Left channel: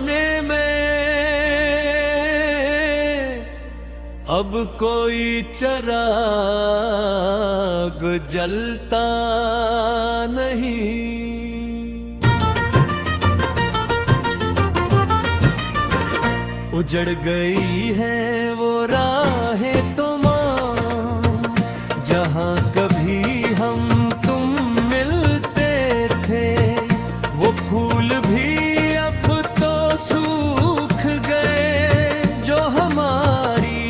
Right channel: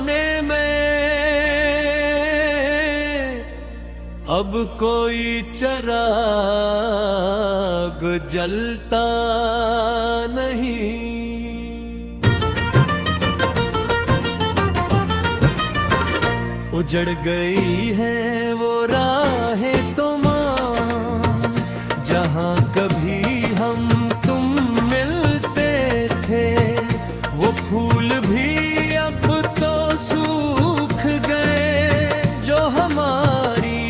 जमाने में अब कोई चिराग जलता नहीं। उजड़ गई है वो राहें तमाम जहां कभी हम तुम मिलते थे। वो फूल भी अब तो सूख गए जो हमारी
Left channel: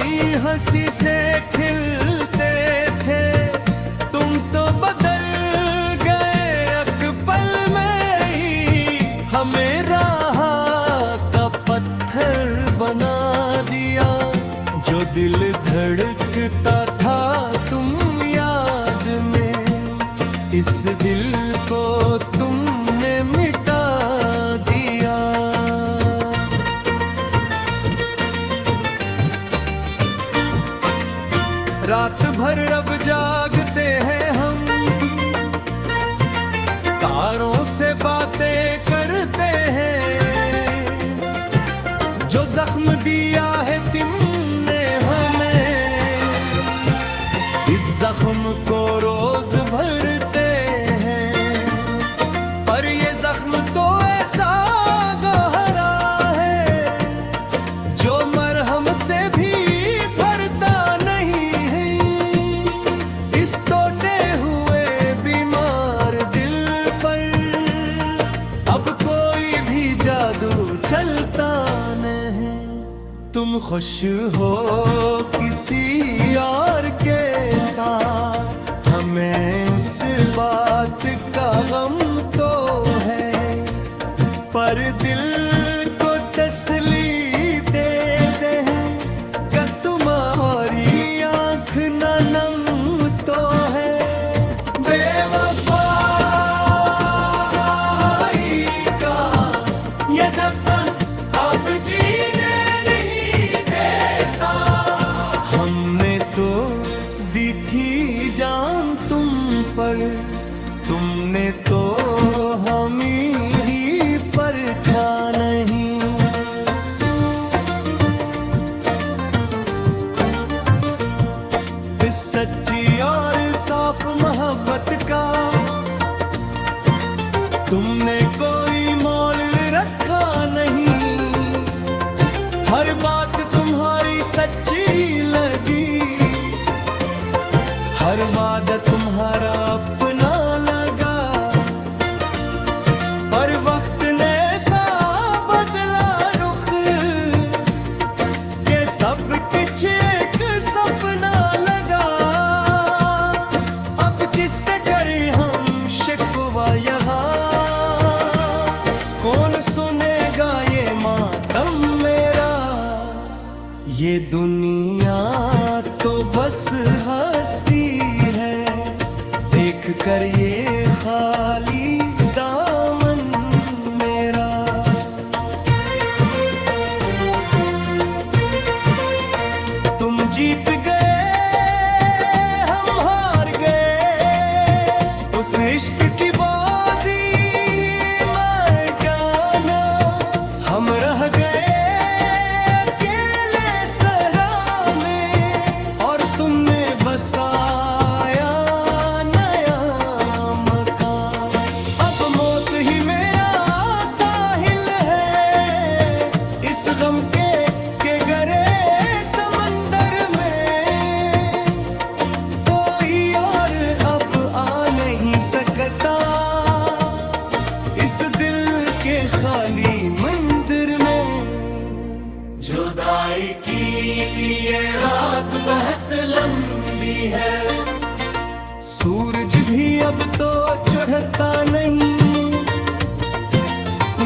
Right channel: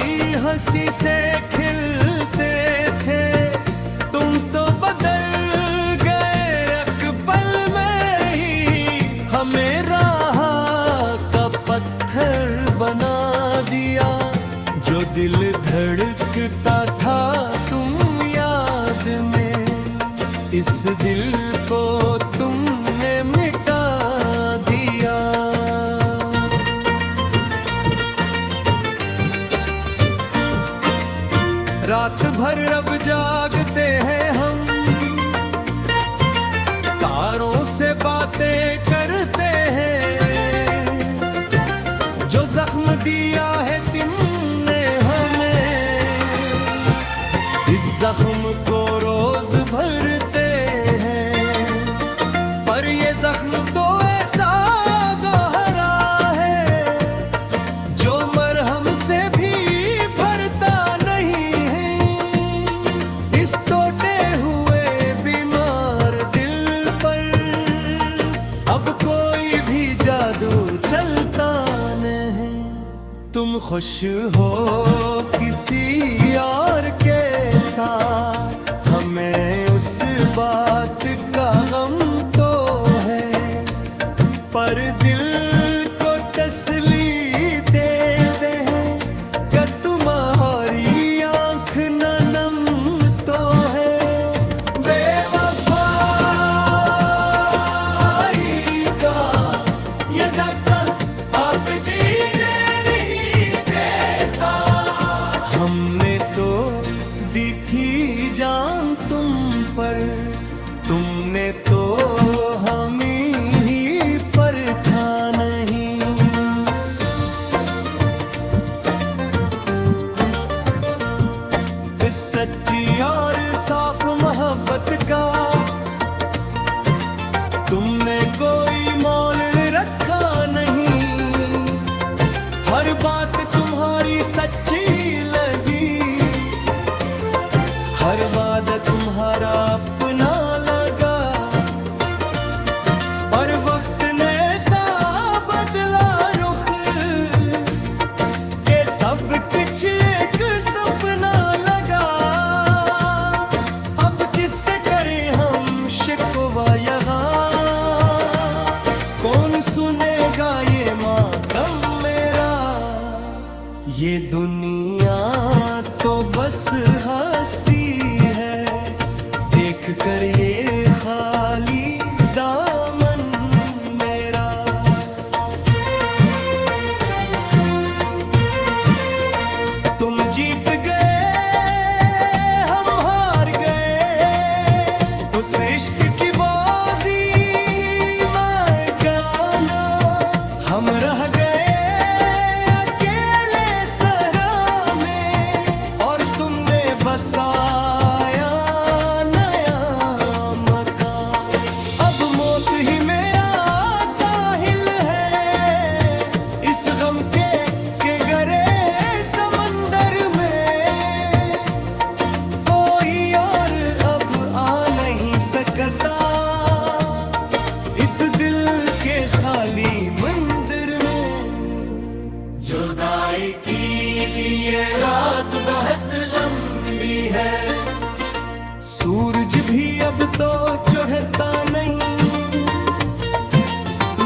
हंसी से खिलते थे। तुम तो बदल गए एक पल में ही, हमें राह का पत्थर बना दिया। जो दिल धड़कता था तुम याद में, इस दिल को तुमने मिटा दिया। रात भर अब जागते हैं हम, तारों से बातें करते हैं। जो जख्म दिया है तुमने हमें, इस जख्म को रोज भरते हैं। पर ये जख्म तो ऐसा गहरा है जो मरहम से भी भरता नहीं है। इस टूटे हुए बीमार दिल पर अब कोई भी जादू चलता नहीं। तुम खुश हो किसी और के साथ, हमें उस बात का गम तो है। पर दिल को तसल्ली देते हैं कि तुम्हारी आँख न नम तो है। बेवफाई का ये ज़फ़र अब जीने नहीं देता। हमने तो दी थी जान तुम पर, तुमने तो हमें ही परखा नहीं। इस सच्ची और साफ मोहब्बत का तुमने कोई मोल रखा नहीं। हर बात तुम्हारी सच्ची लगी, हर वादा तुम्हारा अपना लगा। पर वक्त ने ऐसा बदला रुख के सब कुछ एक सपना लगा। अब किससे करें हम शिकवा यहाँ, कौन सुनेगा ये मातम मेरा। ये दुनिया तो बस हंसती है देख कर ये खाली दामन मेरा। तुम जीत गए हम हार गए, उस इश्क की बाजी मैं गाना। हम रह गए बसाया नया मकान। अब मौत ही मेरा साहिल है इस गम के गरे समंदर में। कोई और अब आ नहीं सकता इस दिल के खाली मंदिर में। जुदाई की ये रात बहुत लंबी है, सूरज भी अब तो चढ़ता नहीं।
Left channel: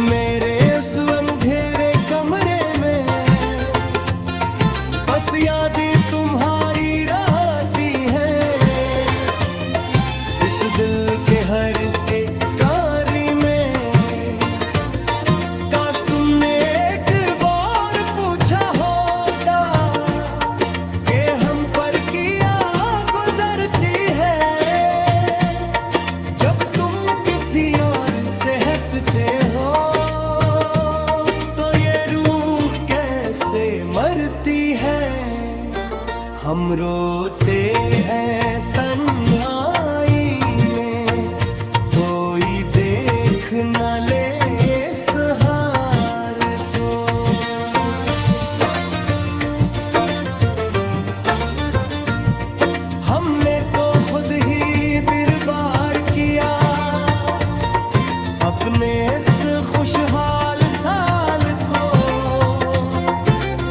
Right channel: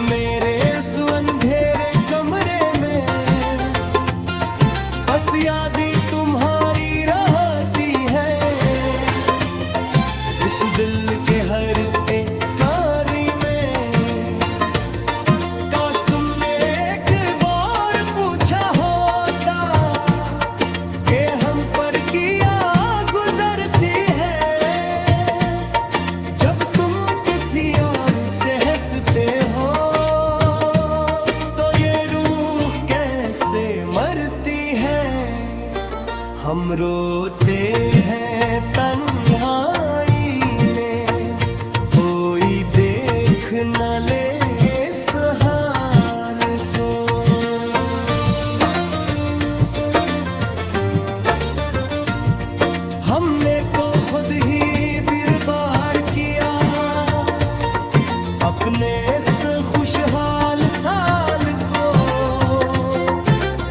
मेरे उस अंधेरे कमरे में बस यादें तुम्हारी रहती हैं। इस दिल के हर एक कारी में काश तुमने एक बार पूछा होता कि हम पर किया गुजरती है। जब तुम किसी और से हंसते हो तो से मरती है। हम रोते हैं तन्हाई में, कोई देख न ले इस हार को। हमने तो खुद ही बर्बाद किया अपने इस खुशहाल साल को।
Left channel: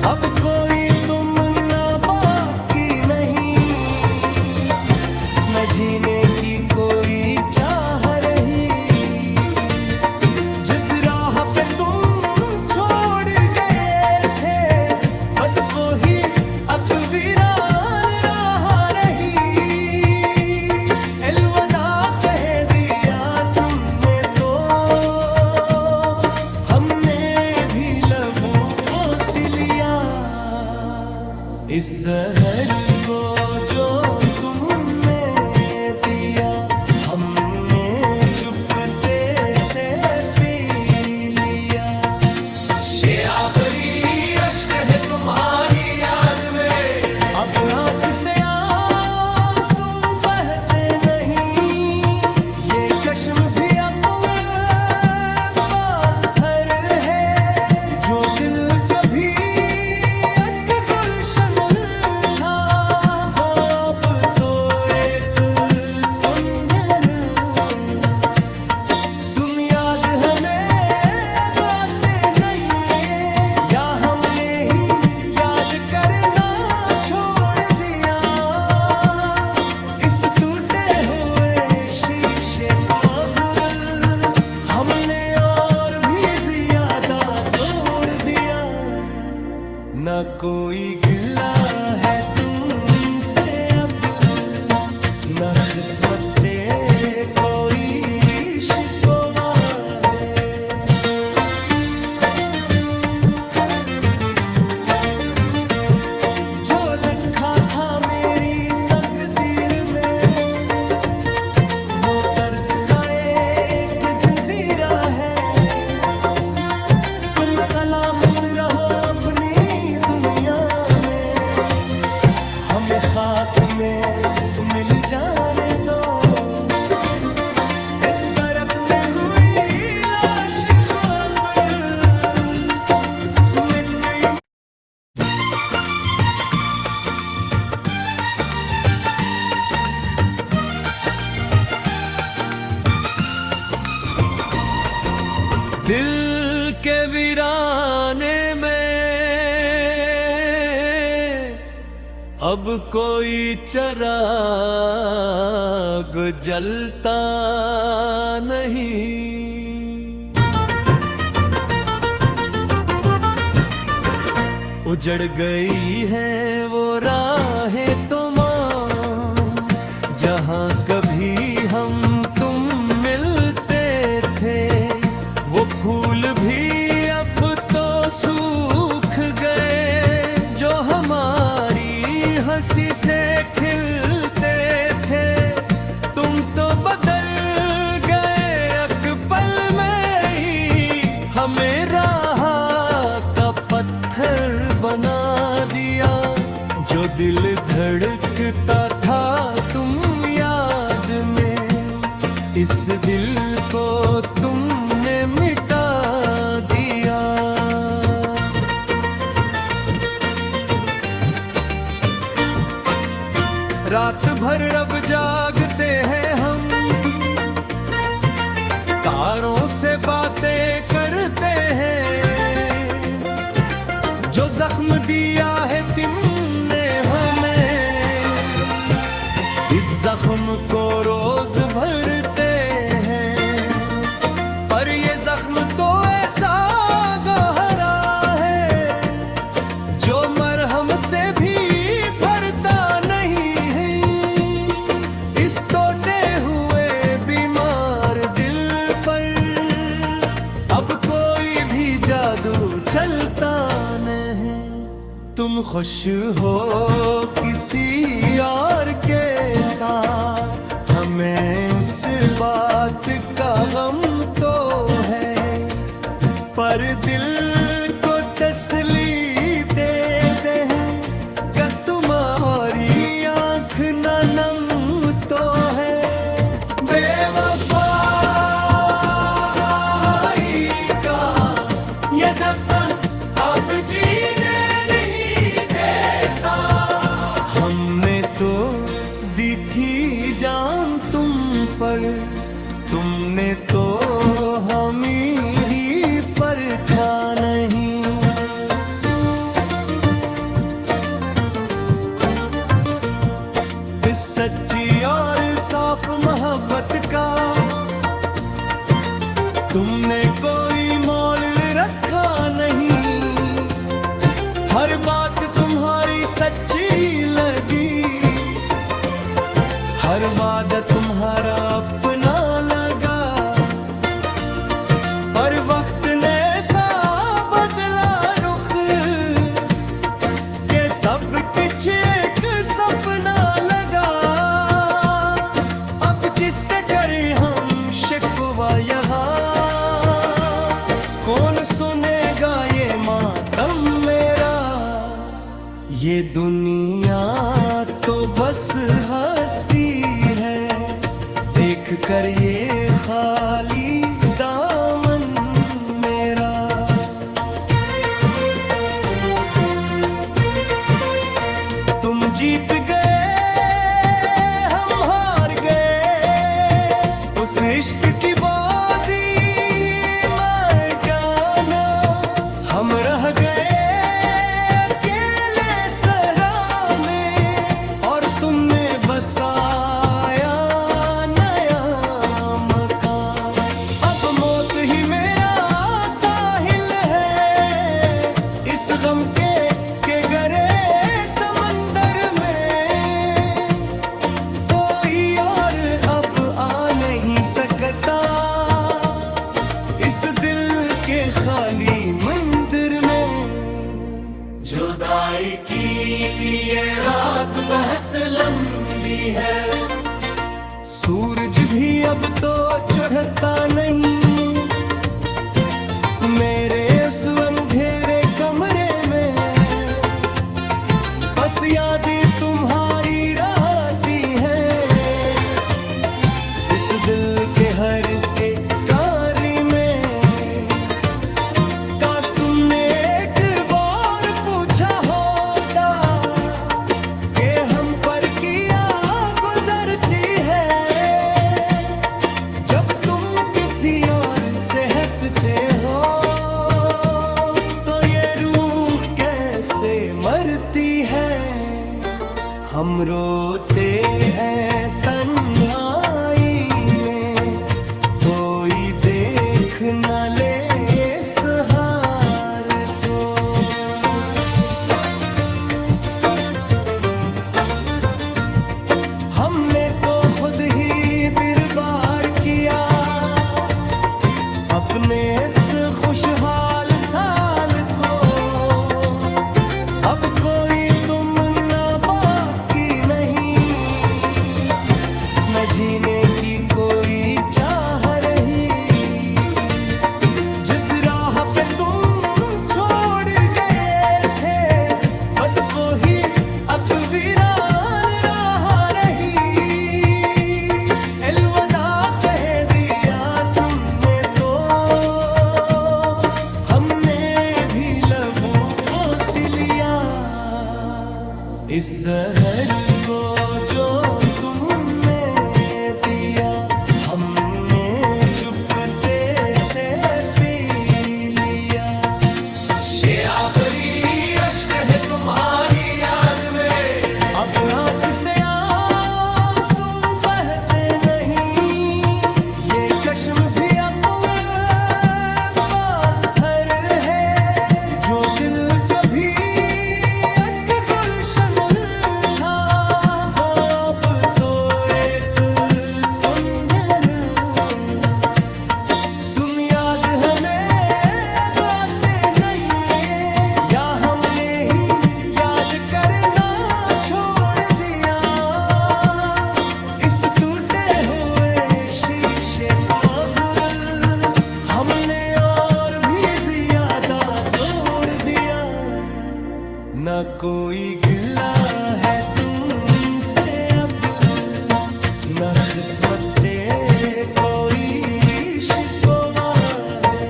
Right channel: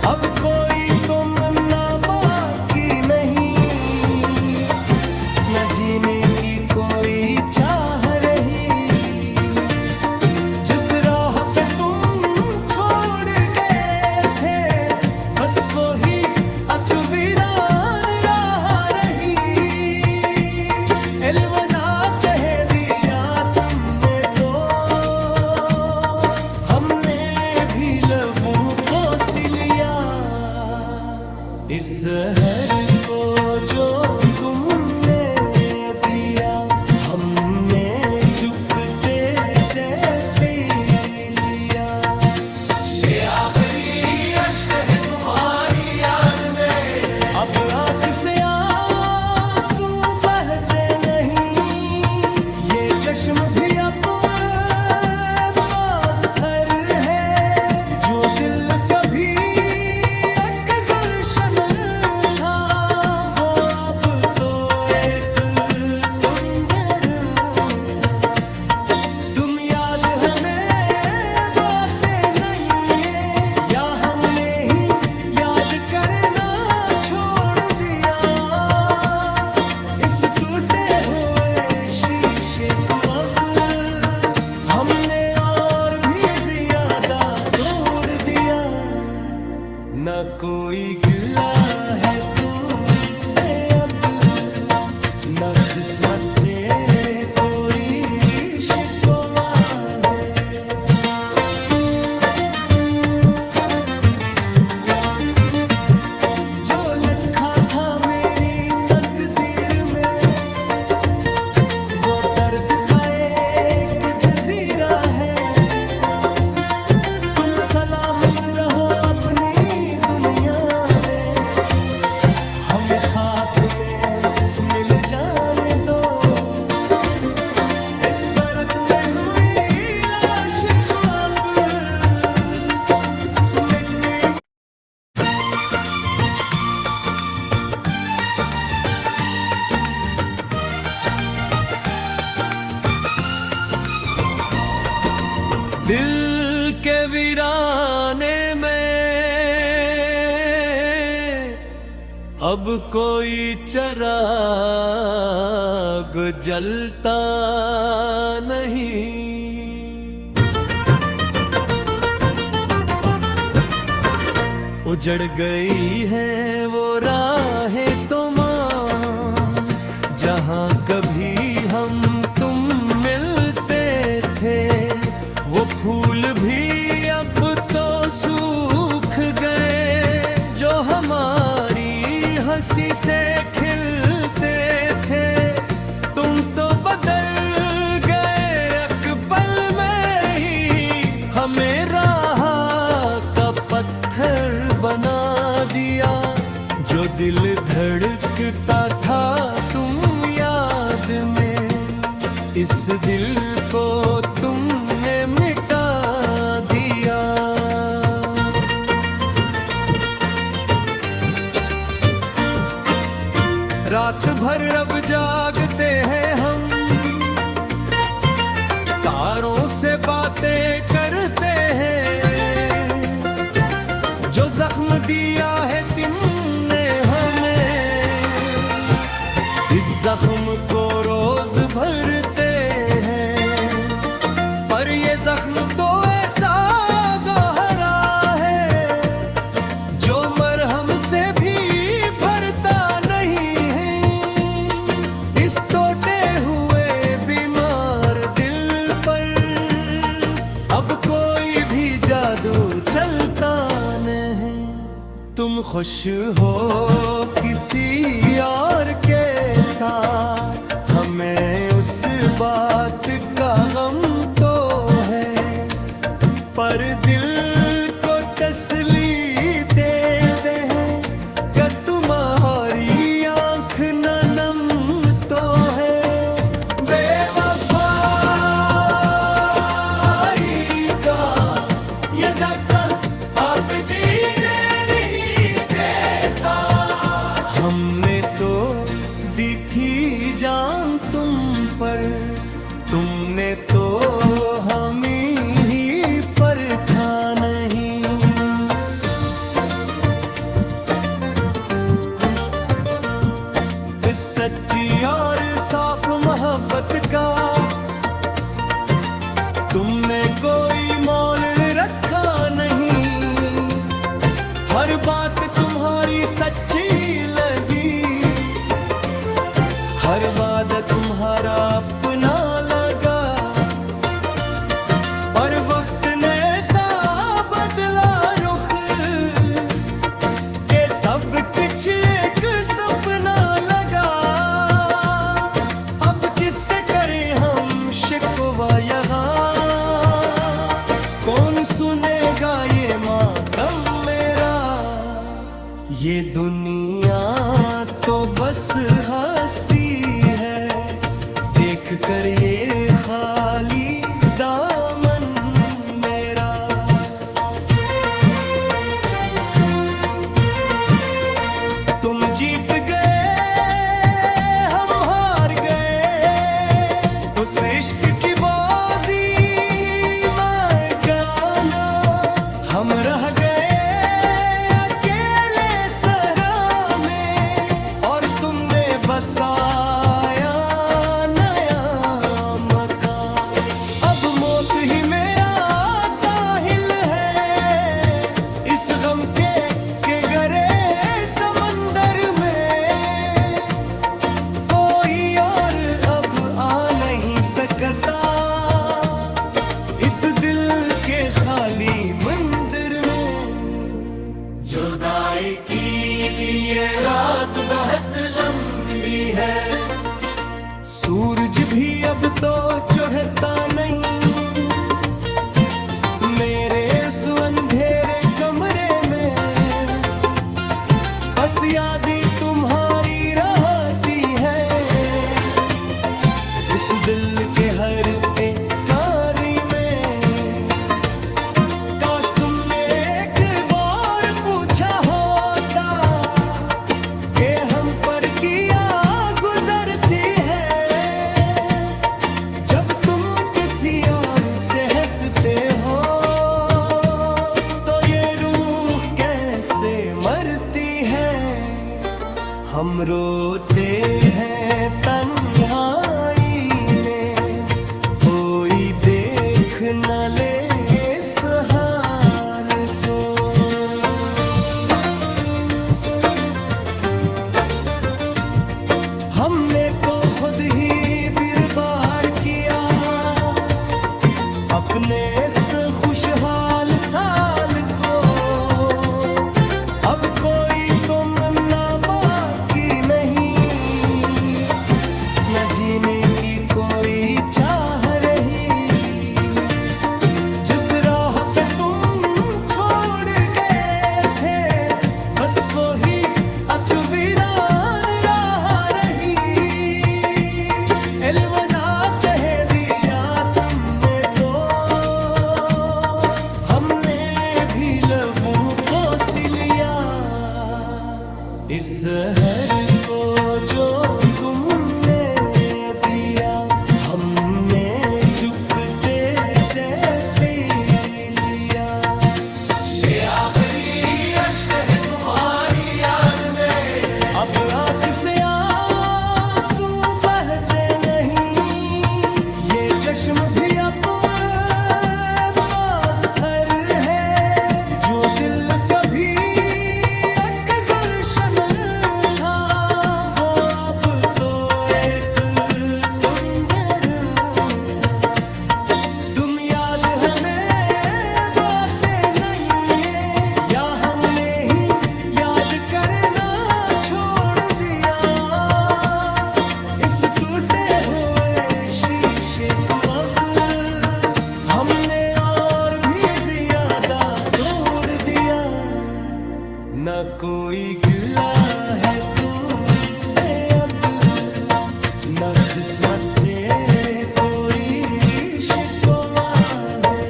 अब कोई तुम ना बाकी नहीं, न जीने की कोई चाह रही। जिस राह पे तुम छोड़ गए थे, बस वही अकवीरान राह रही। अलविदा कह दिया तुमने तो, हमने भी लबों को सिलिया। इस जहर को जो तुमने दिया, हमने चुपके से पी लिया। ये आखिरी अश्क है तुम्हारी याद में, अब आँख से आंसू बहते नहीं। ये चश्म भी अब पत्थर है, जो दिल कभी एक गुलशन था, वो अब तो एक तुंजर। तुम याद हमें अब आते नहीं है, या हमने ही याद करना छोड़ दिया। इस टूटे हुए शीशे को अब हमने और भी ज्यादा तोड़ दिया। न कोई गिला है तुमसे अब, न किस्मत से कोई शिकवा है। जो लिखा था मेरी तकदीर में, वो दर्द का एक जजीरा है। तुम सलामत रहो अपनी दुनिया में, हम खाक में मिल जाने दो। इस दरख्त हुई लाश को अब मिट गई। दिल के वीराने में अब कोई चिराग जलता नहीं। उजड़ गई है वो राहें तुमाम, जहाँ कभी हम तुम मिलते थे। वो फूल भी अब तो सूख गए, जो हमारी हंसी से खिलते थे। तुम तो बदल गए एक पल में ही, हमें राह का पत्थर बना दिया। जो दिल धड़कता था तुम याद में, इस दिल को तुमने मिटा दिया। रात भर अब जागते हैं हम, तारों से बातें करते हैं। जो जख्म दिया है तुमने हमें, इस जख्म को रोज भरते हैं। पर ये जख्म तो ऐसा गहरा है, जो मरहम से भी भरता नहीं है। इस टूटे हुए बीमार दिल पर अब कोई भी जादू चलता नहीं। तुम खुश हो किसी और के साथ, हमें उस बात का गम तो है। पर दिल को तसल्ली इस सच्ची और साफ मोहब्बत का तुमने कोई मोल रखा नहीं। हर बात तुम्हारी सच्ची लगी, हर वादा तुम्हारा अपना लगा। पर वक्त ने सा बदला रुख के सब कुछ एक सपना लगा। अब किससे करें हम शिकवा यहाँ, कौन सुनेगा ये मातम मेरा। ये दुनिया तो बस हस्ती है, देख कर ये खाली दामन मेरा। तुम जीत गए हम हार गए, उस इश्क की बाजी मैं गाना। हम रह गए अकेले सहरा में, और तुमने बसाया नया मकान। अब मौत ही मेरा साहिल है, इस गम के गरे समंदर में। कोई और अब आ नहीं सकता इस दिल के खाली मंदिर में। जुदाई की ये रात बहुत लंबी है, सूरज भी अब तो चढ़ता नहीं। मेरे उस अंधेरे कमरे में बस यादें तुम्हारी रहती हैं। इस दिल के हर एक कार्य में काश तुमने एक बार पूछा होता कि हम पर किया गुजरती है। जब तुम किसी और से हंसते हो तो ये रूह कैसे मरती है। हम रोते हैं तन्हाई में, कोई देख न ले इस हार को। हमने तो खुद ही बर्बाद किया अपने इस खुशहाल साल को। अब कोई तुम ना बाकी नहीं, न जीने की कोई चाह रही। जिस राह पे तुम छोड़ गए थे बस वही अकवीरान राह रही। अलविदा कह दिया तुमने तो हमने भी लबों को सिलिया। इस जहर को जो तुमने दिया हमने चुपके से पी लिया। ये आखिरी अश्क है तुम्हारी याद में, अब आंख से आंसू बहते नहीं। ये चश्म भी अब पत्थर है जो दिल कभी एक गुलशन था, वो अब तो एक तुंजर। तुम याद हमें अब आते नहीं है, या हमने ही याद करना छोड़ दिया। इस टूटे हुए शीशे को अब हमने और भी ज्यादा तोड़ दिया। न कोई गिला है तुमसे अब, न किस्मत से कोई शिकवा है।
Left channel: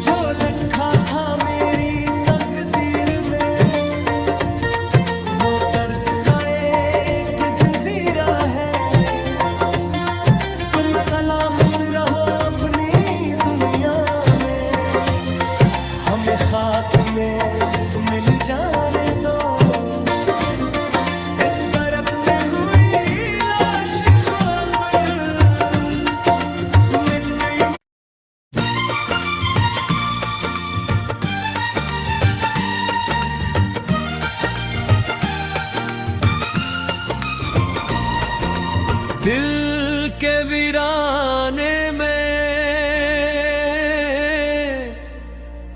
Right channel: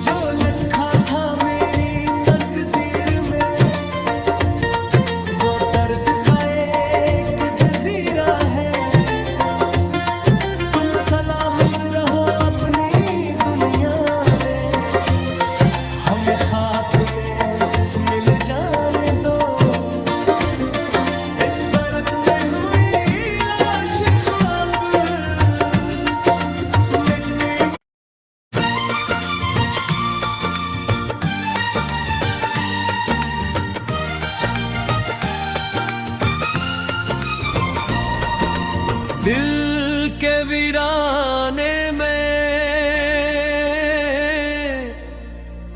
जो लिखा था मेरी तकदीर में वो दर्द का एक जजीरा है। तुम सलामत रहो अपनी दुनिया में, हम खाक में मिल जाने दो। इस बरकते हुई लाश को अब मिट्टी दिल के वीराने में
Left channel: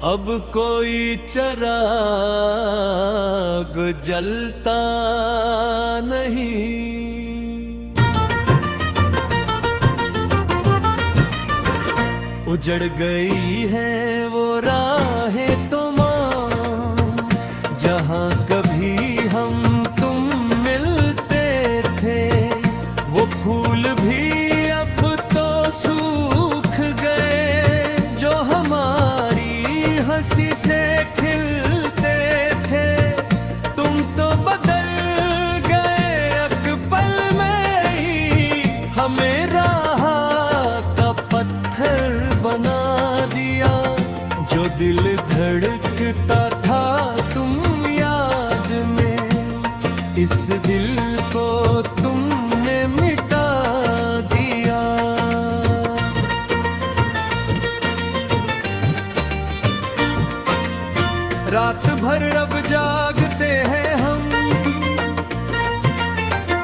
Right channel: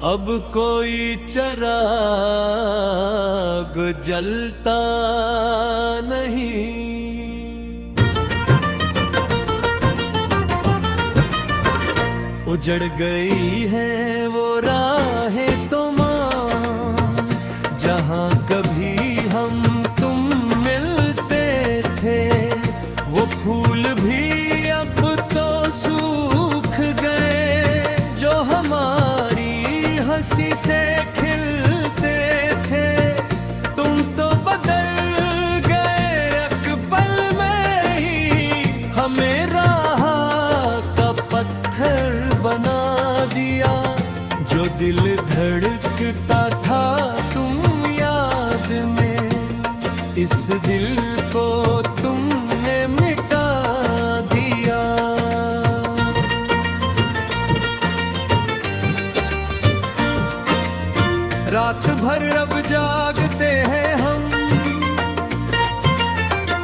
अब कोई चिराग जलता नहीं। उजड़ गई है वो राहें तमाम जहां कभी हम तुम मिलते थे। वो फूल भी अब तो सूख गए जो हमारी हंसी से खिलते थे। तुम तो बदल गए एक पल में ही, हमें राह का पत्थर बना दिया। जो दिल धड़कता था तुम याद में, इस दिल को तुमने मिटा दिया। रात भर अब जागते हैं हम,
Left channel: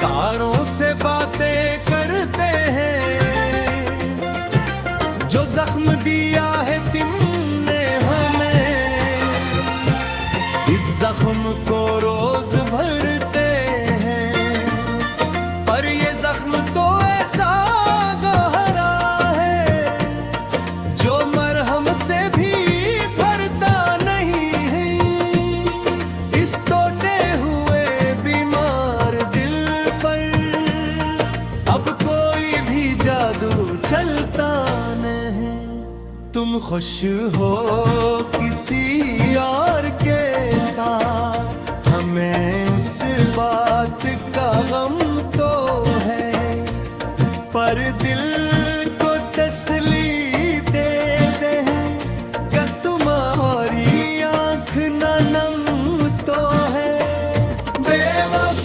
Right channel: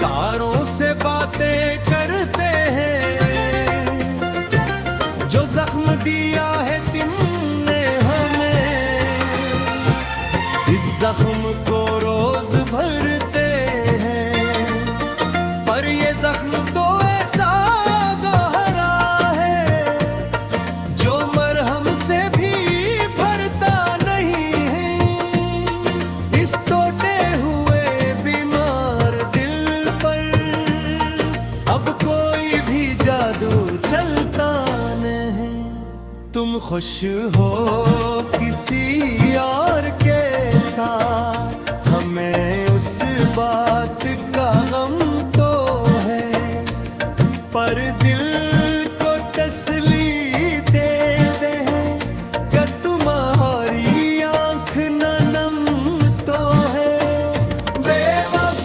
तारों से बातें करते हैं। जो जख्म दिया है तुमने हमें, इस जख्म को रोज भरते हैं। पर ये जख्म तो ऐसा गहरा है जो मरहम से भी भरता नहीं है। इस टूटे हुए बीमार दिल पर अब कोई भी जादू चलता नहीं। तुम खुश हो किसी और के साथ, हमें उस बात का गम तो है। पर दिल को तसल्ली देते हैं कि तुम्हारी आँख न नम तो है। बेवफाई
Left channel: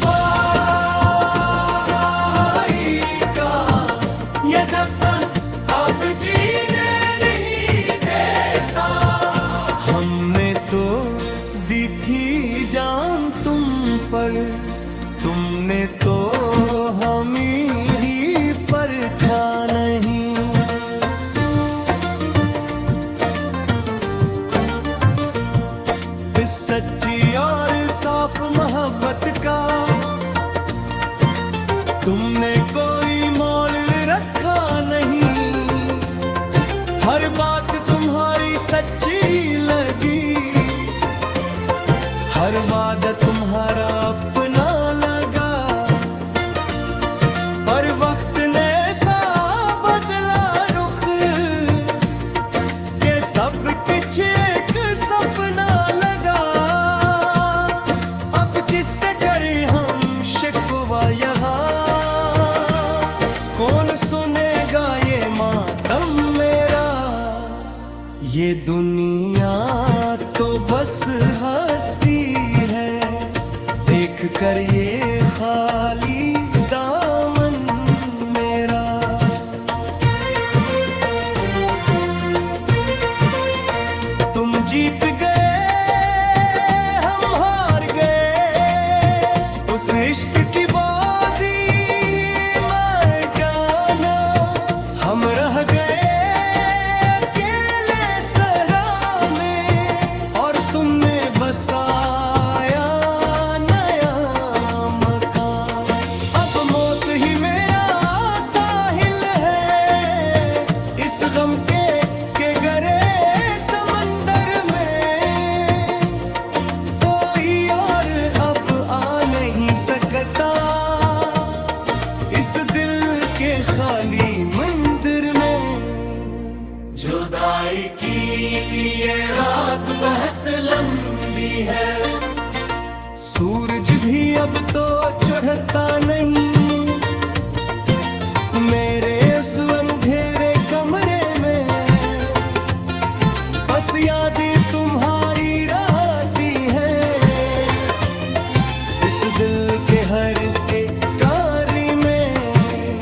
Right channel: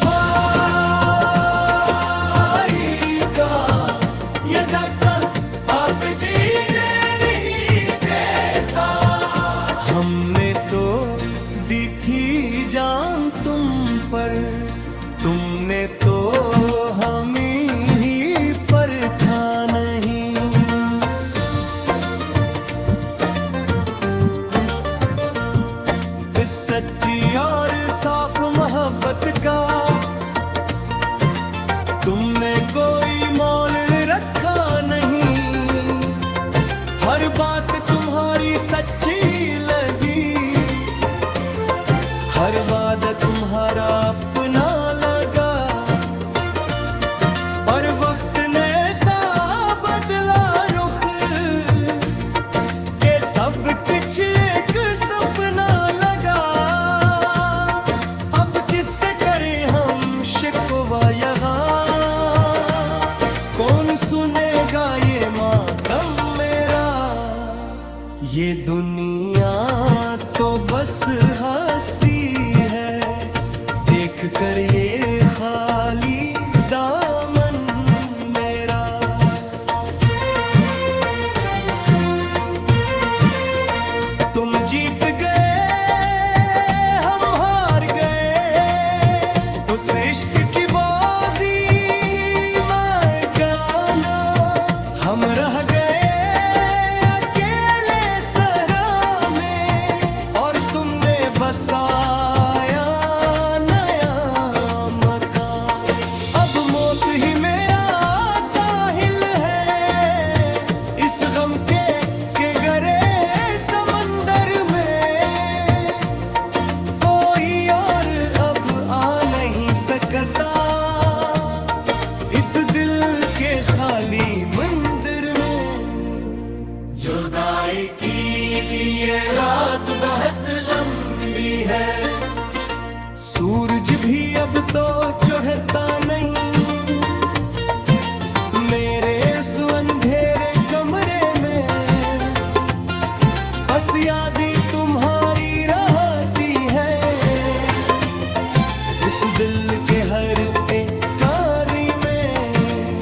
का ये ज़फ़र अब जीने नहीं देता। हमने तो दी थी जान तुम पर, तुमने तो हमें ही परखा नहीं। इस सच्ची और साफ मोहब्बत का तुमने कोई मोल रखा नहीं। हर बात तुम्हारी सच्ची लगी, हर वादा तुम्हारा अपना लगा। पर वक्त ने ऐसा बदला रुख के सब कुछ एक सपना लगा। अब किससे करें हम शिकवा यहाँ, कौन सुनेगा ये मातम मेरा। ये दुनिया तो बस हस्ती है, देख कर ये खाली दामन मेरा। तुम जीत गए हम हार गए, उस इश्क की बाजी मैं गाना। हम रह गए बसाया नया मकान। अब मौत ही मेरा साहिल है इस गम के गरे समंदर में। कोई और अब आ नहीं सकता इस दिल के खाली मंदिर में। जुदाई की ये रात बहुत लंबी है, सूरज भी अब तो चढ़ता नहीं। मेरे उस अंधेरे कमरे में बस यादें तुम्हारी दिल के हर एक कारी में।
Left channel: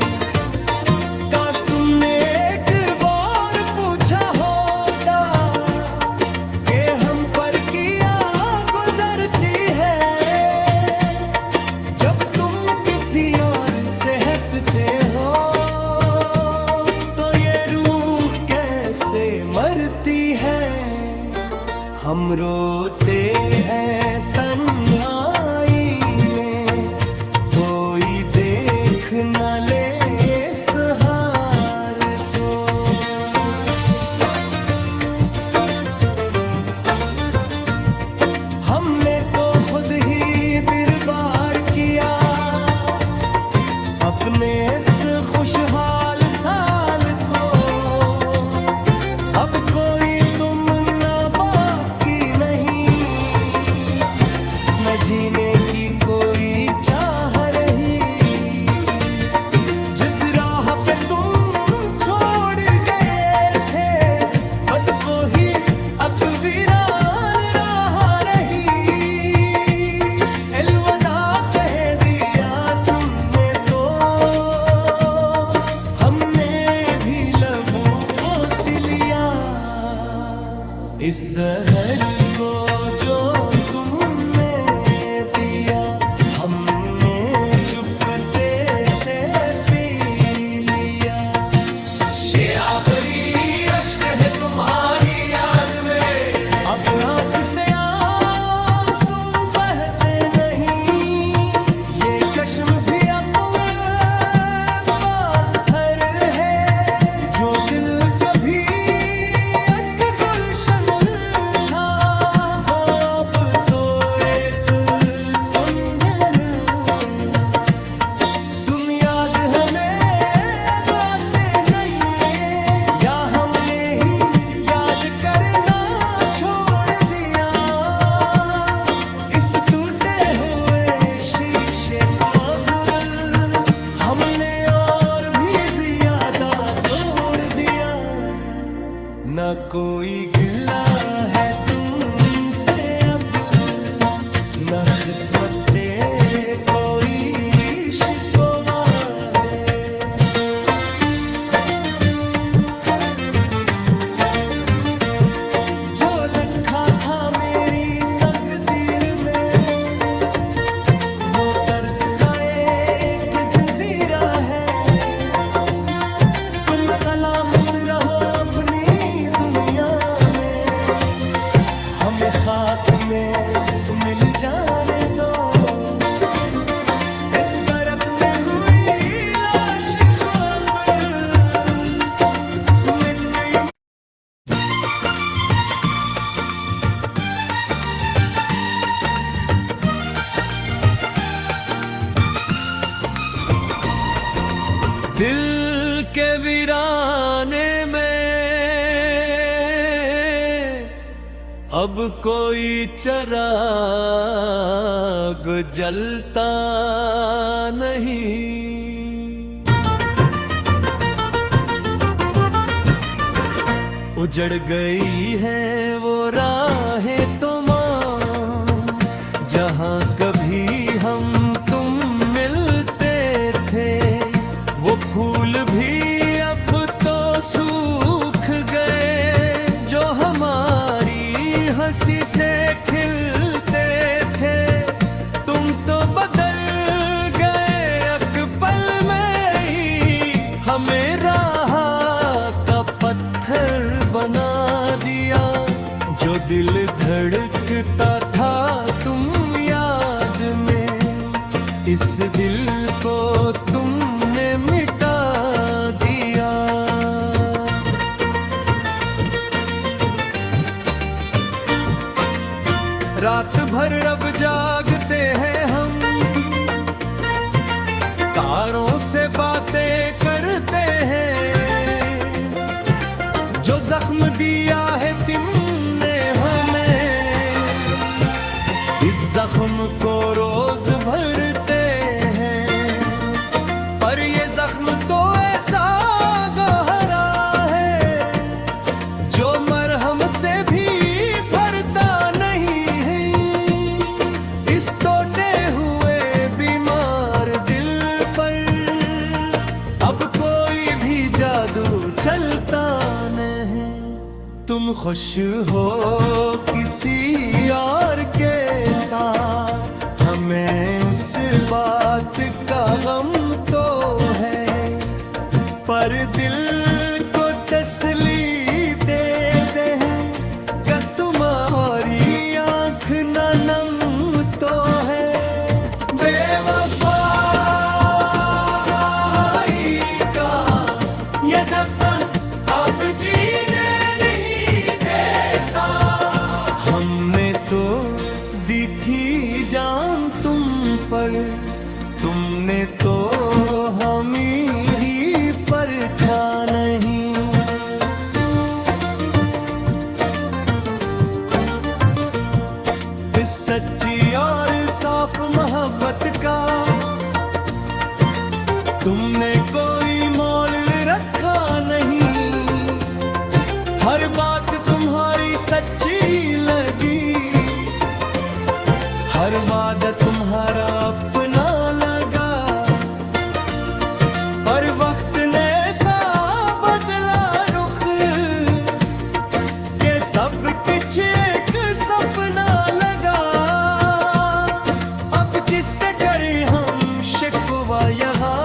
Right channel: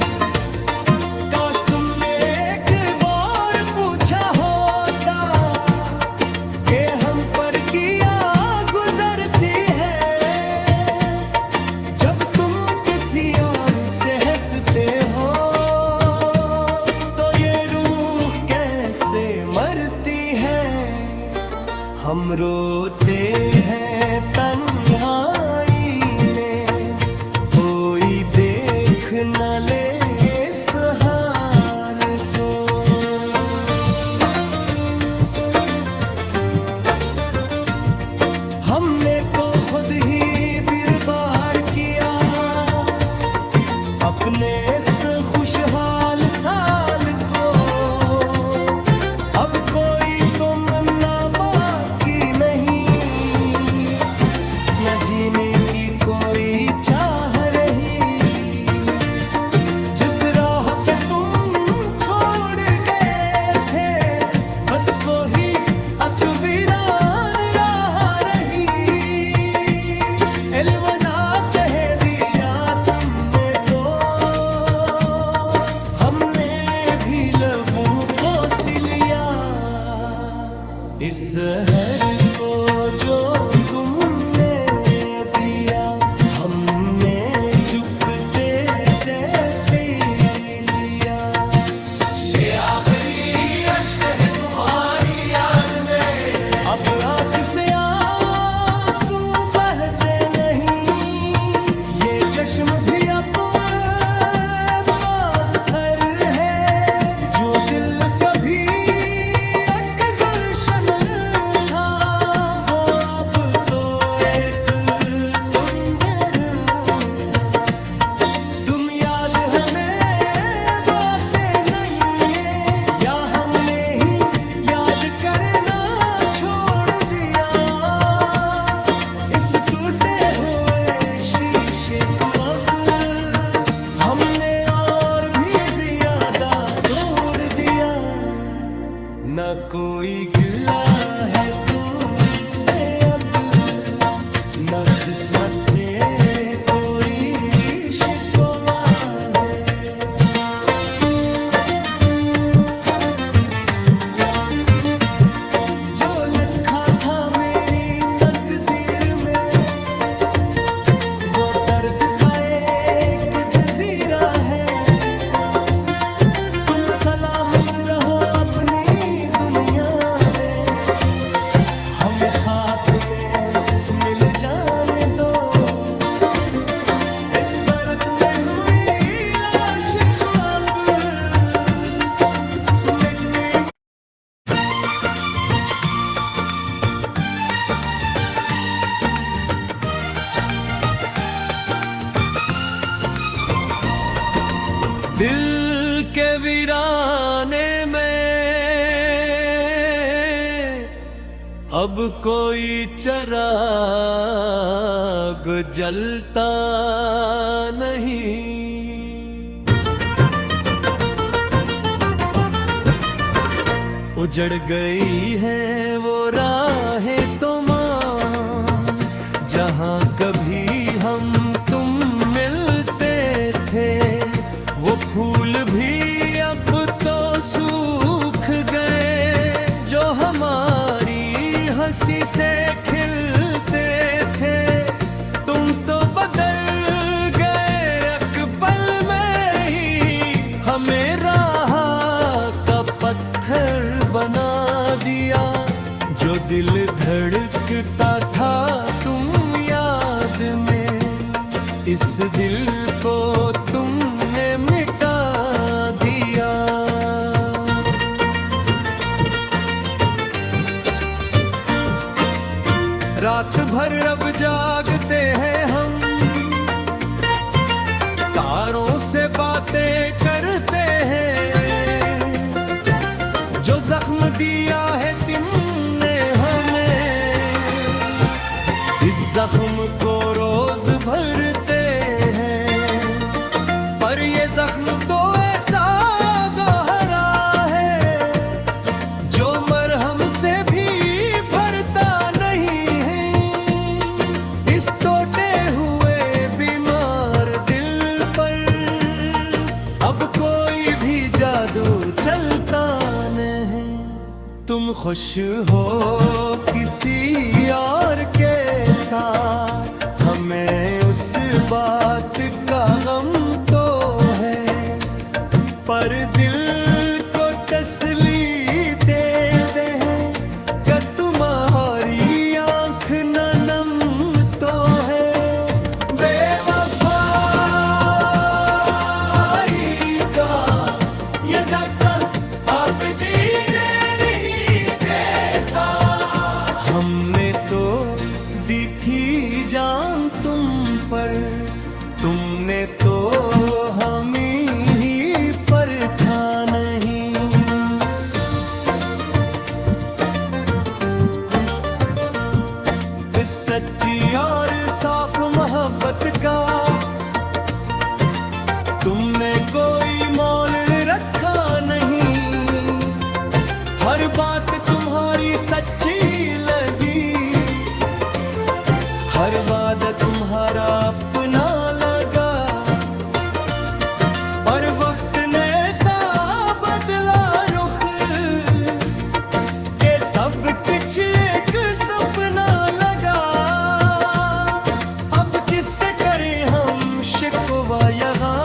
काश तुमने एक बार पूछा होता कि हम पर किया गुजरती है। जब तुम किसी और से हंसते हो तो ये रूह कैसे मरती है। हम रोते हैं तन्हाई में, कोई देख न ले इस हार को। हमने तो खुद ही बर्बाद किया अपने इस खुशहाल साल को। अब कोई तुम ना बाकी नहीं, न जीने की कोई चाह रही। जिस राह पे तुम छोड़ गए थे बस वही अकवीरान राह रही। अलविदा कह दिया तुमने तो हमने भी लबों को सिलिया। इस जहर को जो तुमने दिया हमने चुपते से पी लिया। ये आखिरी अश्क है तुम्हारी याद में, अब आँख से आंसू बहते नहीं। ये चश्म भी अब पत्थर है जो दिल कभी एक गुलशन था, वो अब तो एक तुंजन। तुम याद हमें अब आते नहीं है, या हमने ही याद करना छोड़ दिया। इस टूटे हुए शीशे को अब हमने और भी ज्यादा तोड़ दिया। न कोई गिला है तुमसे अब, न किस्मत से कोई शिकवा है। जो लिखा था मेरी तकदीर में वो दर्द का एक जजीरा है। तुम सलामत रहो अपनी दुनिया में, हम खाक में मिल जाने दो। इस बरकते हुई लाश को अब मिट गई। दिल के वीराने में अब कोई चिराग जलता नहीं। उजड़ गई है वो राहें तुमाम जहाँ कभी हम तुम मिलते थे। वो फूल भी अब तो सूख गए जो हमारी हंसी से खिलते थे। तुम तो बदल गए एक पल में ही, हमें राह का पत्थर बना दिया। जो दिल धड़कता था तुम याद में, इस दिल को तुमने मिटा दिया। रात भर अब जागते हैं हम, तारों से बातें करते हैं। जो जख्म दिया है तुमने हमें, इस जख्म को रोज भरते हैं। पर ये जख्म तो ऐसा गहरा है जो मरहम से भी भरता नहीं है। इस टूटे हुए तुम खुश हो किसी और के साथ, हमें उस बात का गम तो है, पर दिल को तसल्ली देते हैं कि तुम्हारी आंख न नम तो है। बेवफाई का ये सफर अब जीने नहीं देता, हमने तो दी थी जान तुम पर, तुमने तो हमें ही परखा नहीं। इस सच्ची और साफ मोहब्बत का तुमने कोई मोल रखा नहीं, हर बात तुम्हारी सच्ची लगी, हर वादा तुम्हारा अपना लगा, पर वक्त ने सा बदला रुख के सब कुछ एक सपना लगा। अब किससे करें हम शिकवा यहाँ,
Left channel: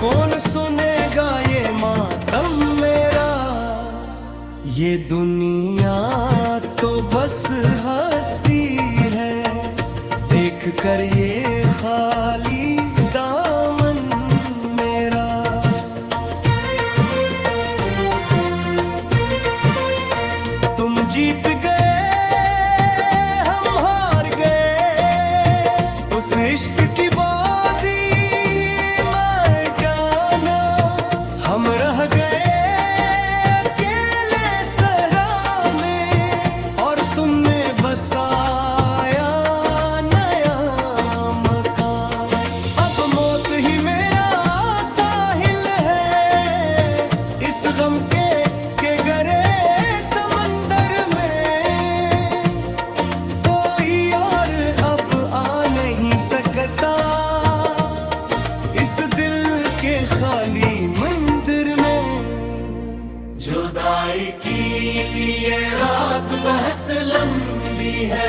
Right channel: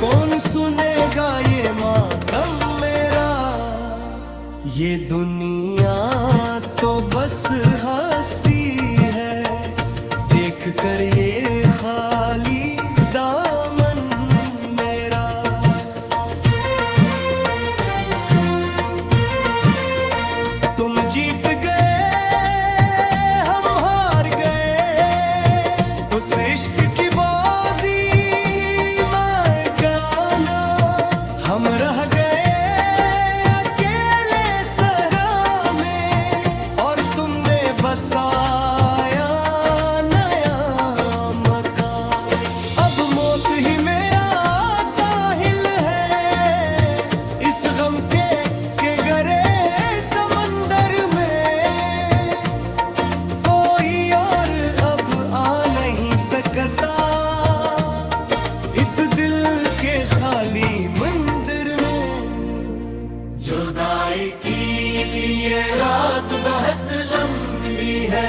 कौन सुनेगा ये मातम मेरा। ये दुनिया तो बस हस्ती है, देख कर ये खाली दामन मेरा। तुम जीत गए हम हार गए, उस इश्क की बाजी मैं गाना, हम रह गए बसाया नया मकान। अब मौत ही मेरा साहिल है, इस गम के गरे समंदर में कोई और अब आ नहीं सकता, इस दिल के खाली मंदिर में। जुदाई की ये रात बहुत लंबी है,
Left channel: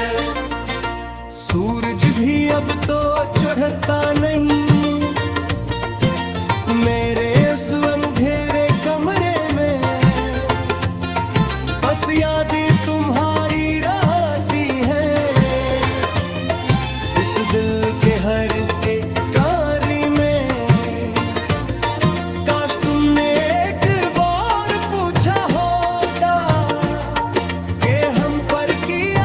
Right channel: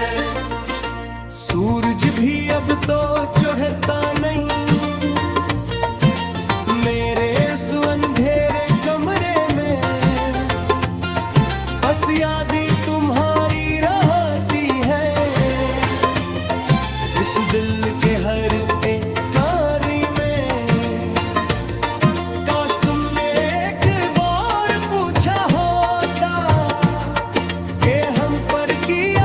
सूरज भी अब तो चढ़ता नहीं, मेरे उस अंधेरे कमरे में बस यादें तुम्हारी रहती हैं, इस दिल के हर एक कारी में। काश तुमने एक बार पूछा होता कि हम पर किया